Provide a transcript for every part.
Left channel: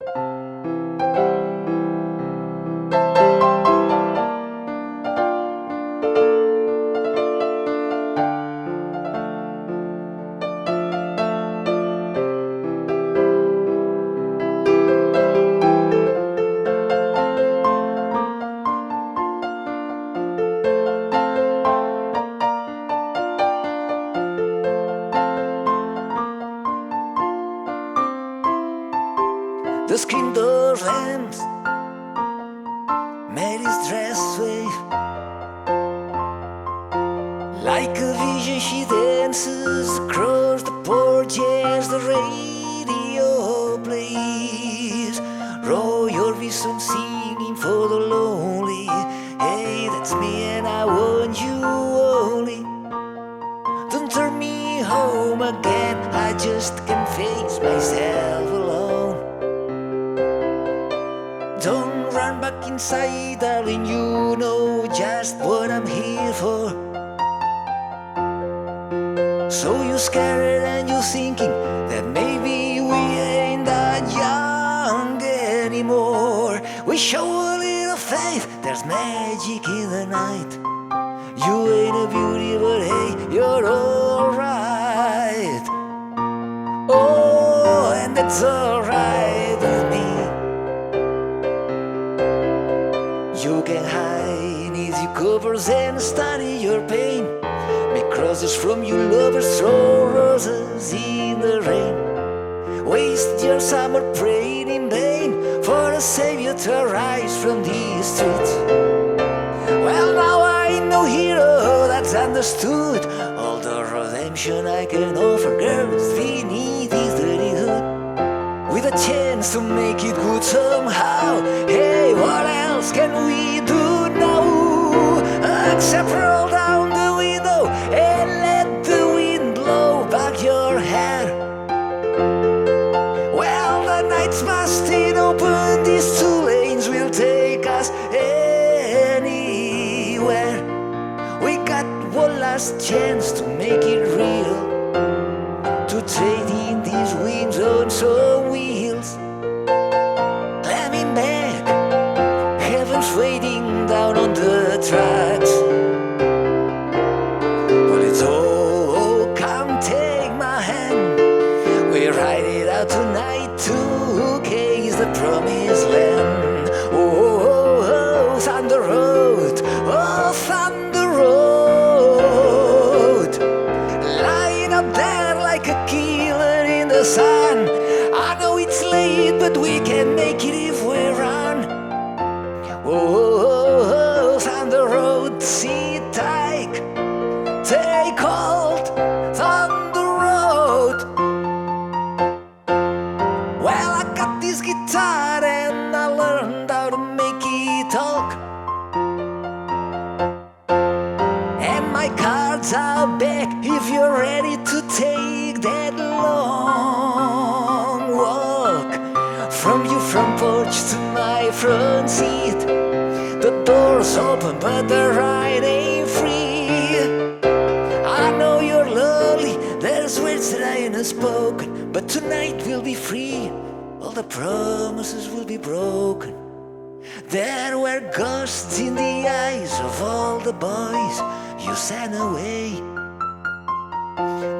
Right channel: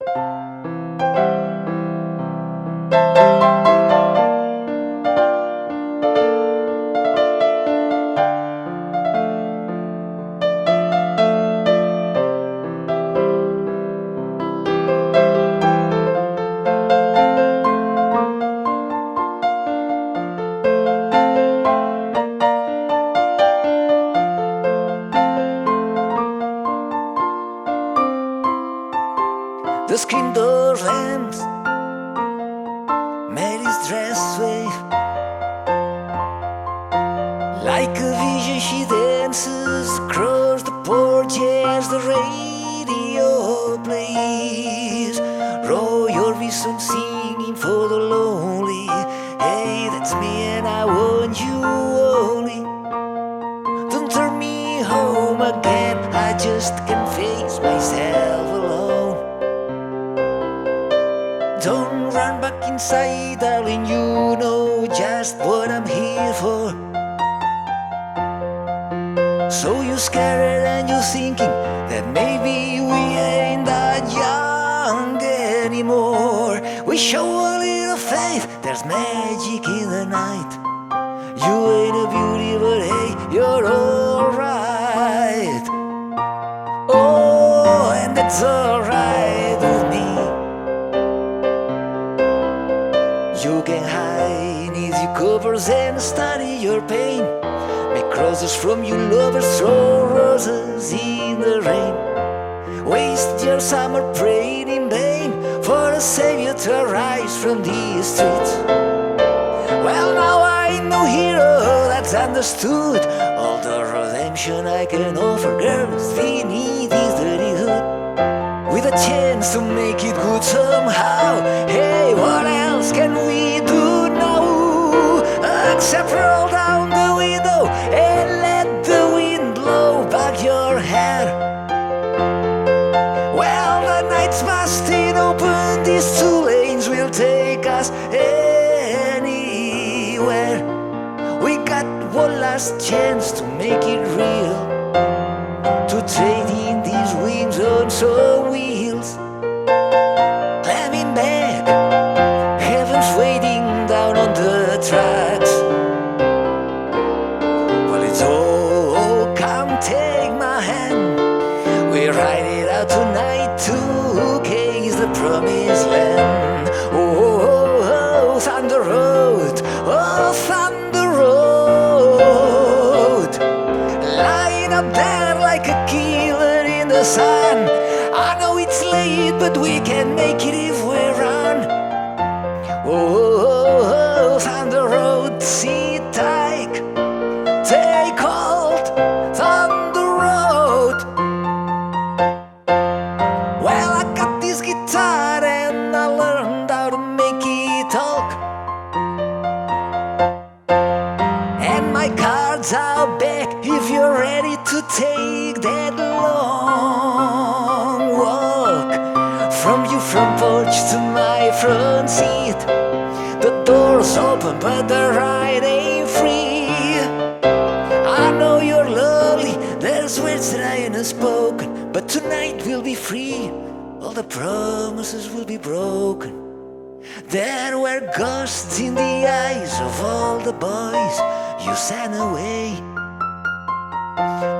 The screen door slams, Mary's dress wave. Like a vision she dances across the porch as the radio plays. Roy Orbison singing for the lonely. Hey, that's me and I want you only. Don't turn me home again, I just can't face myself alone. Don't run back inside, darling, you know just what I'm here for. So you're scared and you're thinking that maybe we ain't that young anymore. We show a little faith, there's magic in the night. You ain't a beauty, but hey, you're alright. Oh, and that's alright with me. You can hide neath your covers and study your pain. Make crosses from your lovers, throw roses in the rain. Waste your summer praying in vain for a savior to arise from the streets. Well, now I know hero that's understood all the redemption I can offer girls beneath this dirty hood. With a chance to make it good somehow. Hey, what else can we do now? Except roll down the window and let the wind blow back your hair. Well, the night's busting open, these two lanes will take us anywhere. We got one last chance to make it real, to trade in these wings on some wheels. Climbing back, heaven's waiting down on the tracks. Well, it's all, come take my hand. We ride it out tonight to case the promised land. Oh, Thunder Road, oh, Thunder Road. Lying up there like a killer in the sun. I know it's late, but we can make it if we run. Oh, Thunder Road, sit tight, take hold, Thunder Road. Well, I got this guitar and I learned how to make it talk. And my cards are back if you're ready to take that long walk. From your front porch to my front seat. The door's open but the ride ain't free. I know you're lonely, there's words that I ain't spoken, but tonight we'll be free. All the promises will be broken. There were ghosts in the eyes of all the boys you sent away.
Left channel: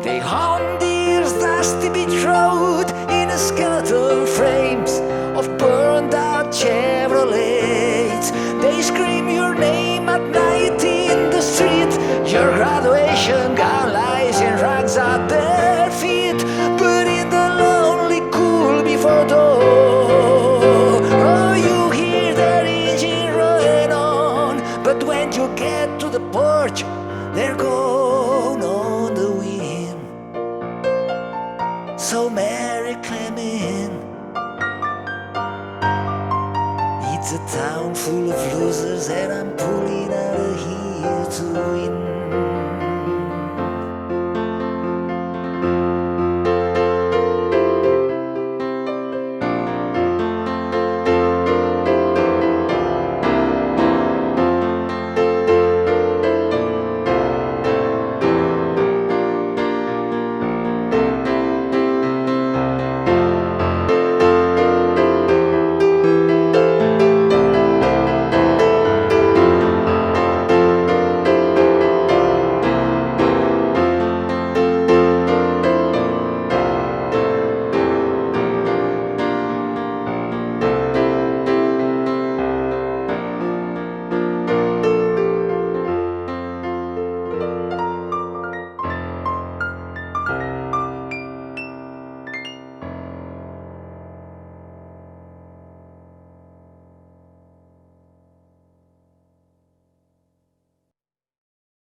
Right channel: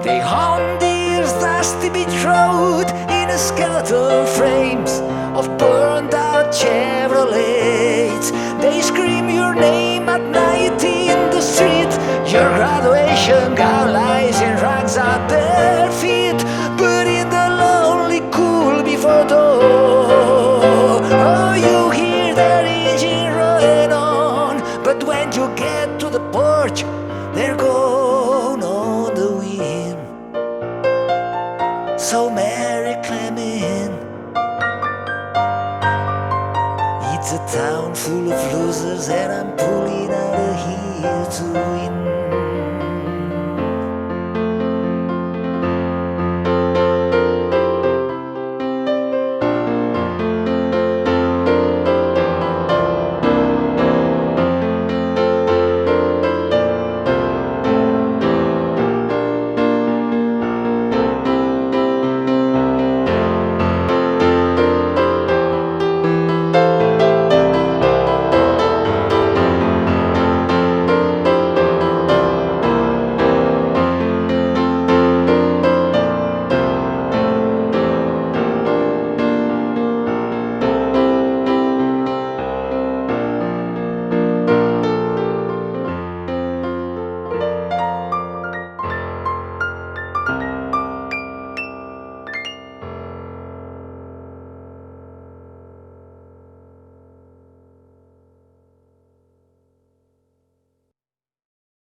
They haunt this dusty beach road in a skeleton frames of burned out Chevrolets. They scream your name at night in the street. Your graduation gown lies in rags at their feet. But in the lonely cool before dawn, oh, you hear their engine rolling on. But when you get to the porch, they're gone on the wind. So Mary Clement, it's a town full of losers, and I'm pulling out of here to win.